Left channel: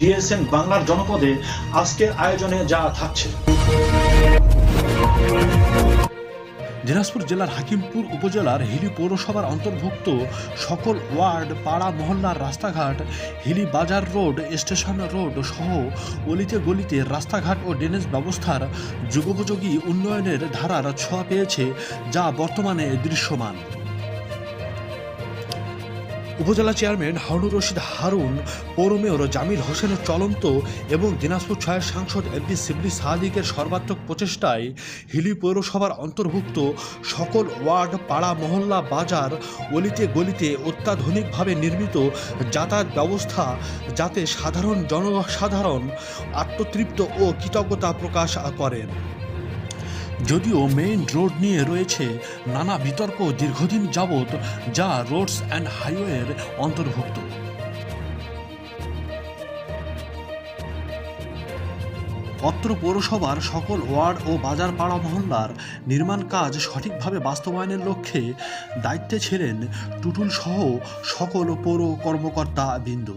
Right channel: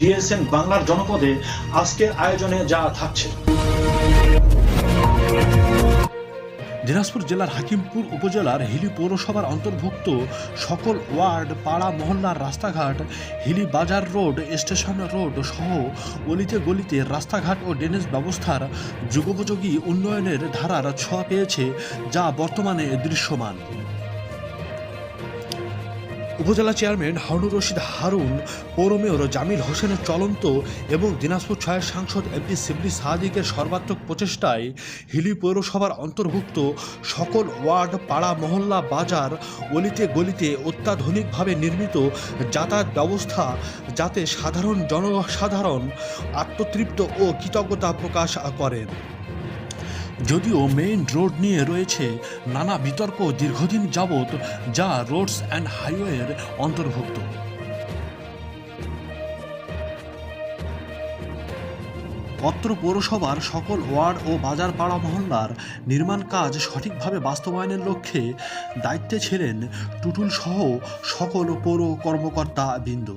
DSN বাংলার জনপদে আজকের আয়োজনে যা থাকছে। দিনাজপুর জেলার হাকিমপুর উপজেলার হিলি পৌরসভার অন্তর্ভুক্ত সকল ওয়ার্ড, পাড়া, মহল্লার রাস্তাঘাট, হিলি বাজার রোড, স্টেশন রোড সহ অলিতে গলিতে রাস্তাঘাট ও ড্রেনেজ ব্যবস্থার যুগোপযোগী উন্নয়নের ধারার ছোঁয়া পেয়েছে যা বর্তমানে দৃশ্যমান। উপজেলা চেয়ারম্যান হারুনুর রশিদ হারুন, পৌর মেয়র জামিল হোসেনের চলন্ত এবং দিনাজপুর ছয়ের সাংসদ এমপি সিবলি সাদিকের সর্বাত্মক প্রচেষ্টায় হিলি পৌরসভার অন্তর্ভুক্ত সকল ওয়ার্ড, পাড়া, মহল্লা, বাজার অলিতে গলিতে অত্যাধুনিকভাবে নির্মিত যাতায়াত ব্যবস্থা যাতে সাধারণ জনসাধারণ আত্মতৃপ্ত ও কৃতজ্ঞতা প্রকাশ করেন। যদিও মেইন রোড নিয়ে রয়েছে নানা বিতর্ক দীর্ঘদিন যাবৎ যা রোডস অ্যান্ড হাইওয়ের অন্তর্ভুক্ত। অত্র পৌরসভার সকল ওয়ার্ড ও বাজার পাড়া মহল্লার নির্মাণ কাজ সঠিকভাবে বাস্তবায়নের লক্ষ্যে দায়িত্বে ছিলেন টুটুল সহ সকল পৌর কর্মকর্তা বৃন্দ।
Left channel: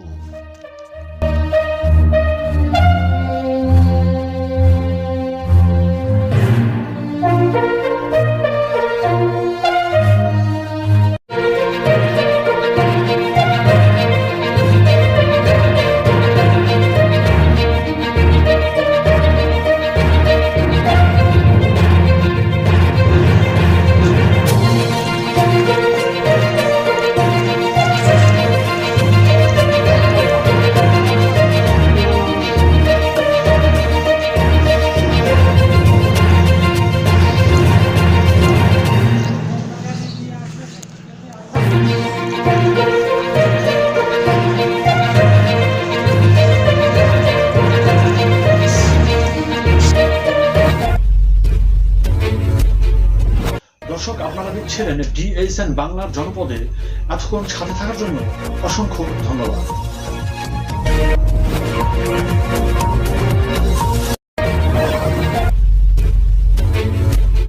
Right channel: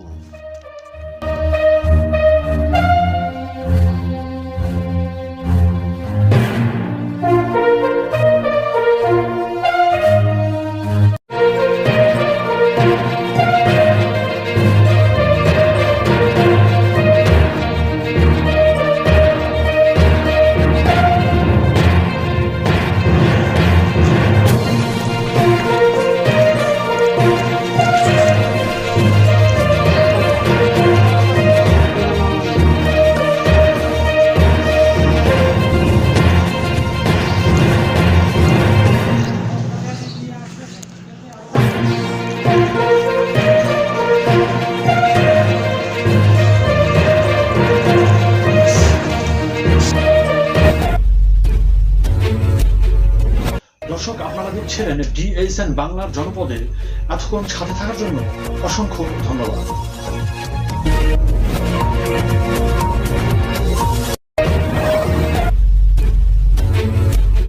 দর্শক আপনারা দেখছিলেন ডিএসএন বাংলার জনপদে এতক্ষণ সাথে থাকার জন্য অসংখ্য ধন্যবাদ।